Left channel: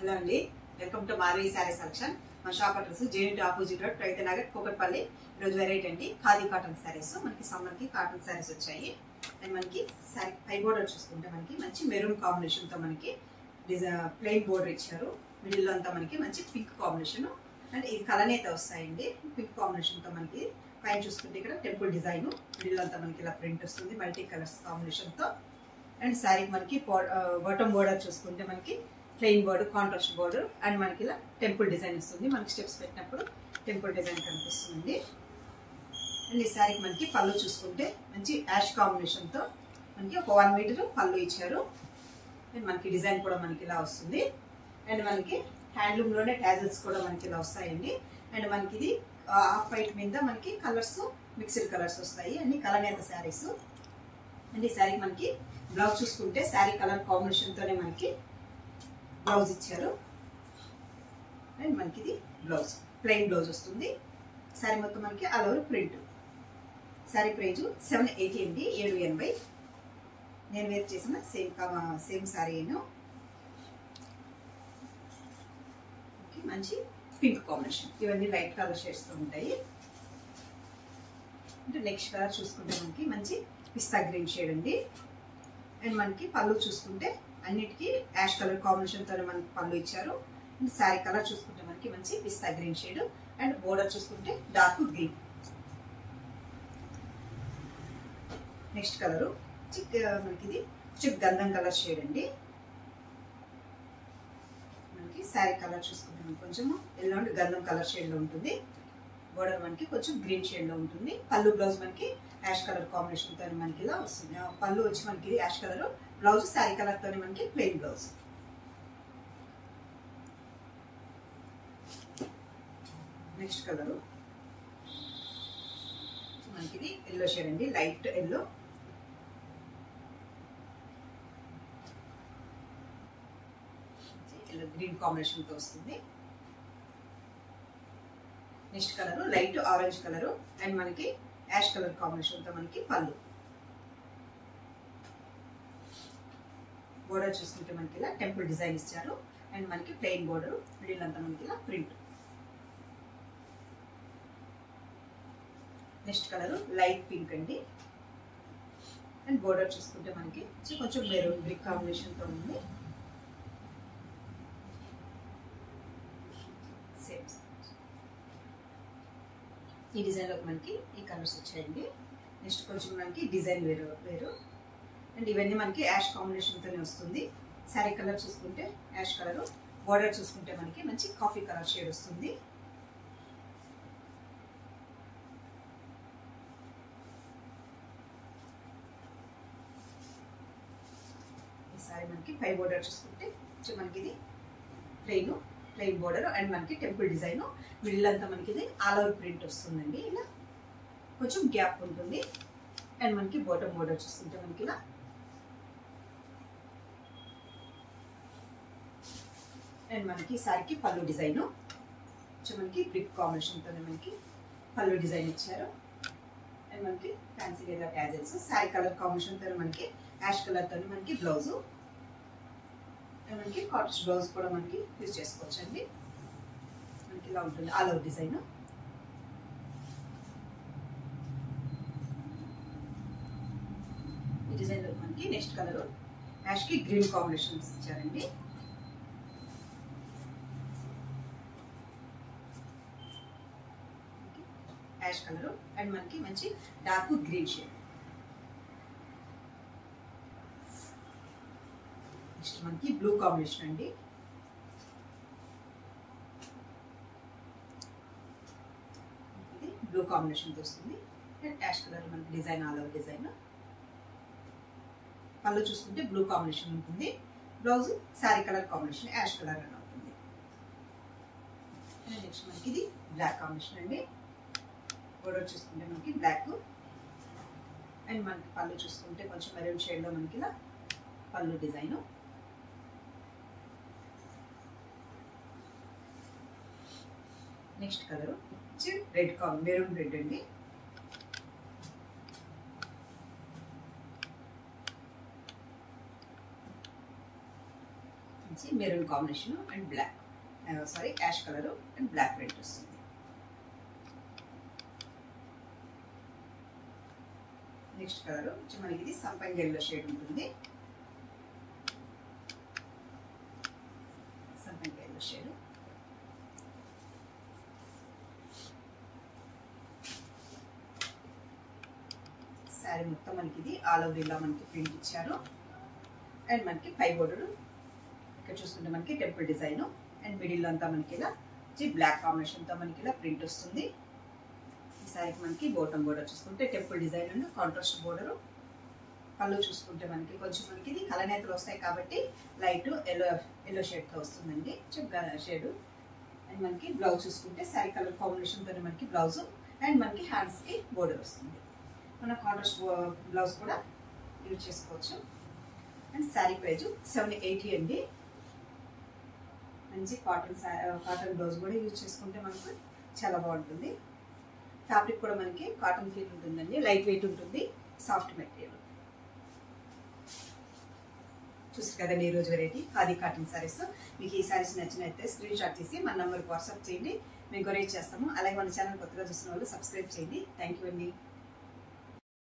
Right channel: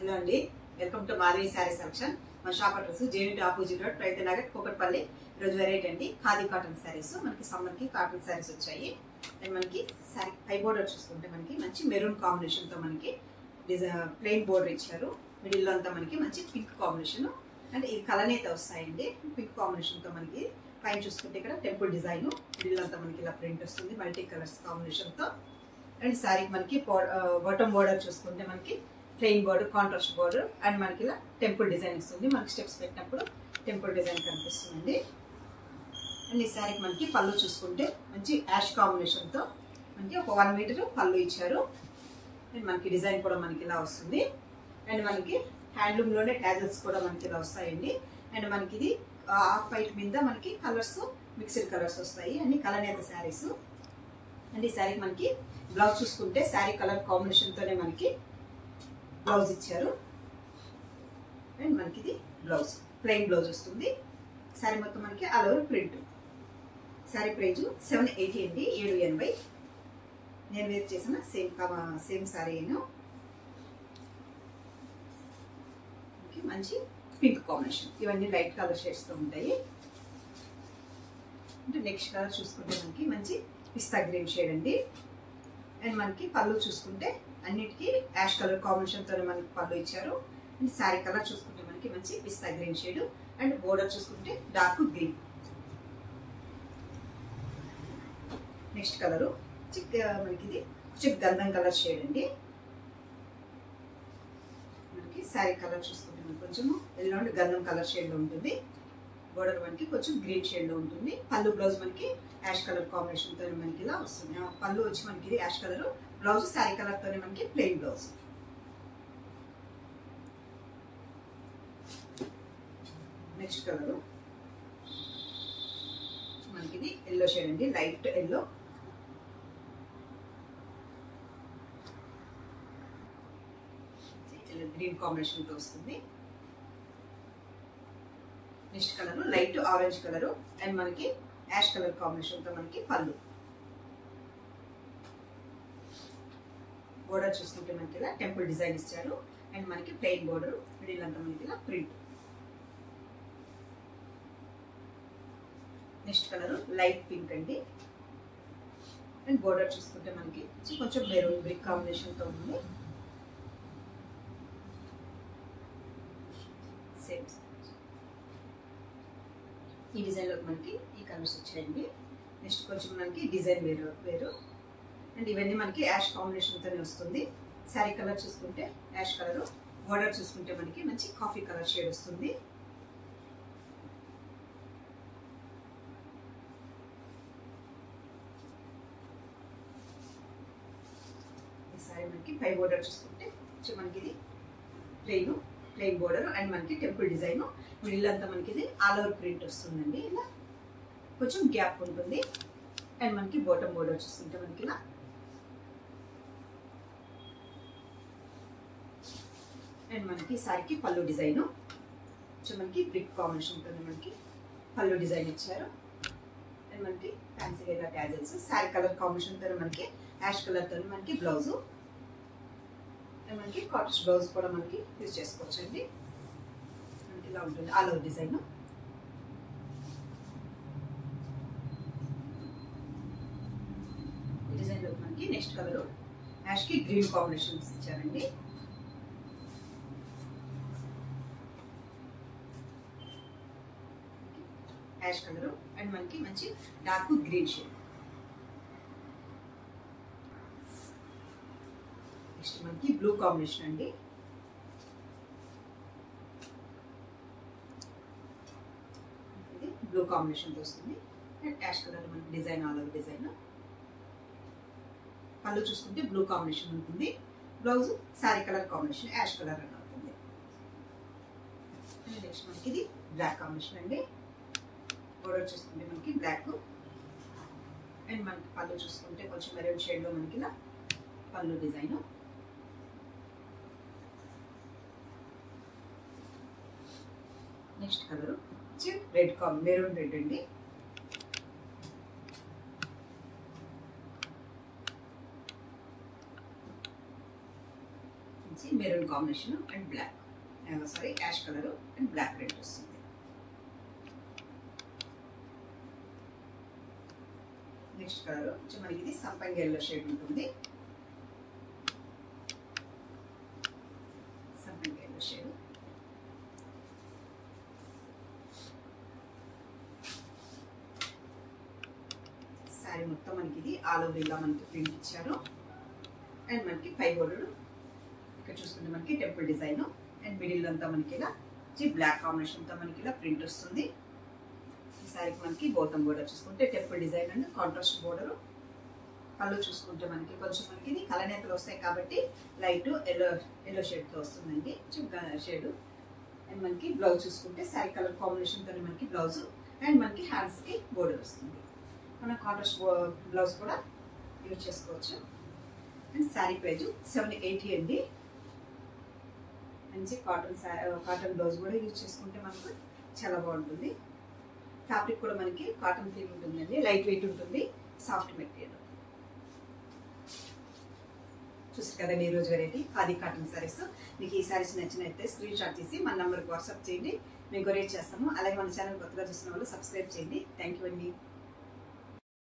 Hello అండి, welcome to Madhavi sari selection. మన shop address JNT opposite road, Pragathi Nagar, Kukatpally. ఈరోజు వెరైటీ అండి ఖాదీ కాటన్ శారీస్. మనకి సమ్మర్ కి కాటన్ శారీస్ వచ్చాయి. అండ్ మనకి శారీ పై బోర్డర్ చూసుకుంటే మనకి మంచి మెరూన్ కాంబినేషన్ తో మనకి ప్లెయిన్ బోర్డర్ ఇచ్చారు. మిడిల్ లో అంతా మనకి మంచి పింక్ కాంబినేషన్ అండ్ ఇది కలనేత వస్తాయండి. పింక్ కాంబినేషన్ తో మనకి పైన చూసుకుంటే ఇక్కడ టెంపుల్ డిజైన్, మిడిల్ అంతా మనకి ఇలా ప్రింట్ వస్తుంది మల్టీ కలర్స్ కాంబినేషన్ తో. అండ్ శారీకి మనకి బాటమ్ బోర్డర్ చూసుకుంటే మనకి plain border, contrast border and మనకి ఇలా టెంపుల్ డిజైన్ వస్తుంది. మనకి స్టెప్స్ పెట్టినప్పుడు టెంపుల్ డిజైన్ కనిపిస్తుంది. అండ్ ఈ శారీకి మనకి పళ్ళు చూసుకుంటే మంచి యాష్ కాంబినేషన్ తో మనకి ఒక 1 మీటర్ పళ్ళు ఇచ్చారు. అండ్ మనకి డిజైన్ కూడా మనకి ఇలా వస్తుంది. అండ్ మనకి హ్యాండ్లూమ్ లోనే టాజల్స్ కూడా మనకి ఇలా వస్తాయండి. అండ్ మనకి ఇది హాఫ్ వైట్ మీద మనకి కలర్స్ మిక్స్డ్ కలర్స్ వస్తాయి, అన్ని కలనేత శారీస్. అండ్ ఈ శారీకి మనకి బ్లౌజ్ చూసుకుంటే శారీ కలర్ కాంబినేషన్ తోనే మనకి బ్లౌజ్ ఇచ్చారు. అండ్ మనకి ఇది బ్లౌజ్ ప్లెయిన్ బ్లౌజ్ వస్తుంది. శారీ మొత్తం మనకి all over print. Sari price 780 అండి, 780. నేను వేర్ చేసిన సేమ్ శారీ. మంచి పింక్ కాంబినేషన్, ఇవన్నీ లైట్ కలర్ షేడ్స్ తో ఉంటాయి. అంటే నెక్స్ట్ కలర్ చూసుకుంటే మనకి మంచి పిస్తా గ్రీన్ షేడ్ అండి. అండ్ మనకి పళ్ళు చూసుకుంటే అన్నిటికీ యాష్ కలర్ కాంబినేషన్ తోనే మనకి పళ్ళు ఇచ్చారు. అండ్ శారీ కలర్ చూసుకుంటే మనకి మంచి pista green shade and border చూసుకుంటే డార్క్ గ్రీన్. నెక్స్ట్ కలర్ మనకి ఇది గంధం కలర్ షేడ్ అండి. మనకి శారీ కలర్ చూసుకుంటే మనకి కొంచెం ఎల్లో అండ్ గంధం కలర్ షేడ్ లో ఉంటుంది. బోర్డర్ మనకి కొంచెం గ్రీన్ షేడ్ లో ఉంటుంది. పళ్ళు బ్లౌజ్ మనకి యాష్ కలర్ కాంబినేషన్ తోనే మనకి ఇలా వస్తుంది. పళ్ళు వచ్చి మనకి ash colour, blouse sari colour తోనే మనకి ప్లెయిన్ బ్లౌజ్. నెక్స్ట్ కలర్ మనకి ఇది ఎల్లో షేడ్ అండి, లైట్ ఎల్లో. గ్రీన్ కాంబినేషన్ తో వస్తుంది. Next colour light orange colour and మనకి యాష్ కలర్ కాంబినేషన్ తో మనకి పళ్ళు. బోర్డర్ చూసుకుంటే మనకి ఇలా టెంపుల్ డిజైన్ ఇచ్చారు. అండ్ మనకి ప్లెయిన్ బోర్డర్, మిడిల్ అంతా మనకి ఇలా print. Next colour light pink అండి. అండ్ బోర్డర్ చూసుకుంటే మనకి కొంచెం మెరూన్ బ్రిక్ కాంబినేషన్ తో ఉంది. ఈ డిజైన్ లో మనకి ఈ కలర్స్ వచ్చాయండి. నెక్స్ట్ కొంచెం మనకి డిజైన్ వేరు. అండ్ ఇవన్నీ మనకి యాష్ కాంబినేషన్ తోనే వస్తుంది. శారీ కలర్ చూసుకుంటే యాష్ కలర్, బోర్డర్ చూసుకుంటే మనకి మంచి కాఫీ కలర్ షేడ్ వస్తుంది. ఈ శారీ మనకి పై బోర్డర్ చూసుకుంటే మనకి ఇది ప్లెయిన్ బోర్డర్ అండ్ మనకి టెంపుల్ డిజైన్, మిడిల్ అంతా మనకి ఇది ఆల్ ఓవర్ ప్రింట్ వస్తుందండి. ఇలా కొంచెం గ్యాప్ ఉంటుంది. అండ్ మనకి బాటమ్ బోర్డర్ చూసుకుంటే మనకి ఇలా అండ్ మనకి శారీకి పళ్ళు డిజైన్ మనకి బ్రిక్ కాంబినేషన్ తోనే మనకి పళ్ళు డిజైన్ ఇచ్చారు. అండ్ మనకి fancy wear tassels, sari colour combination తోనే మనకి యాష్ కలర్ తోనే మనకి బ్లౌజ్. అండ్ మనకి కాటన్ బ్లౌజ్ కూడా మనకి యూజ్ చేసుకోవచ్చు అండి. మనకి ఇలా ఉంటుంది ఆల్ ఓవర్ డిజైన్. ఈ డిజైన్ లో మనకి నెక్స్ట్ కలర్ యాష్ కి గ్రీన్ కాంబినేషన్స్ ఇచ్చారండి. యాష్ కలర్ అండ్ మనకి మంచి డార్క్ గ్రీన్ షేడ్. నెక్స్ట్ మనకి బ్లూ కాంబినేషన్ అండి. ఇది బ్లూ కాంబినేషన్ తో వస్తుంది. అండ్ యాష్ కలర్ మనకి డిజైన్ ఆల్ ఓవర్ డిజైన్. పళ్ళు చూసుకుంటే బ్లూ కాంబినేషన్ ఉంటుంది. Blouse sari colour combination ash colour అని అవుతుంది. నెక్స్ట్ మనకి ఇది బ్లాక్ కాంబినేషన్ అండి. బోర్డర్ చూసుకుంటే మనకి బ్లాక్ అండ్ మనకి పళ్ళు చూసుకుంటే కొంచెం మెరూన్ షేడ్ లో మనకి ఇలా pallu design. Next colour red maroon red అండి. మంచి maroon combination and black sari ash colour and black print వస్తుంది. నెక్స్ట్ కలర్ మనకి ఇది సంపంగి ఎల్లో షేడ్ ఉంటుంది. సంపంగి ఎల్లో షేడ్. శారీ మొత్తం మనకి ఇది ఆల్ ఓవర్ ఇలా మనకి ప్రింట్ ఇచ్చారు. అండ్ మనకి పై బోర్డర్ ఇక్కడ చూసుకుంటే మనకి టెంపుల్ డిజైన్ అండ్ మిడిల్ అంతా మనకి ఇలా బ్లాక్ కాంబినేషన్ తో మనకి ఇలా ప్రింట్ వస్తుంది. ఈ శారీకి మనకి బాటమ్ బోర్డర్ చూసుకుంటే temple design and contrast border. పళ్ళు చూసుకుంటే మనకి కొంచెం మనకి ఇది కలనేతలు వస్తాయి కాబట్టి లైట్ ఎల్లో షేడ్ తో వస్తుందండి షేడ్. అండ్ మనకి బ్లౌజ్ చూసుకుంటే శారీ కలర్ కాంబినేషన్ తోనే మనకి బ్లౌజ్ అండ్ మనకి హ్యాండ్స్ కి బోర్డర్ వస్తుంది. మనం కాంట్రాస్ట్ బ్లౌజ్ కూడా యూజ్ చేసుకోవచ్చు. అండ్ శారీ ప్రైజ్ 780 అండి. మంచి కాటన్ బ్లౌజ్ కూడా యూజ్ చేసుకుంటే మనకు చాలా బాగుంటుంది. ఫ్యాబ్రిక్ కూడా మనకి కాటన్ ఫీల్ ఉంటుందండి, లైట్ వెయిట్ ఉంటుంది, సాఫ్ట్ మెటీరియల్. చూస్తారు కదండి ఈరోజు వెరైటీ ఖాదీ కాటన్ సారీస్. మీకు ఈ సారీస్ నచ్చినైతే స్క్రీన్ షాట్ తీసి మన నంబర్కి వాట్సాప్ చేయండి, మేము కొరియర్ చేస్తాము. అలాగే మన ఛానల్ కొత్తగా చూసిన వాళ్ళు సబ్స్క్రైబ్ చేయండి. థ్యాంక్ యూ అండి.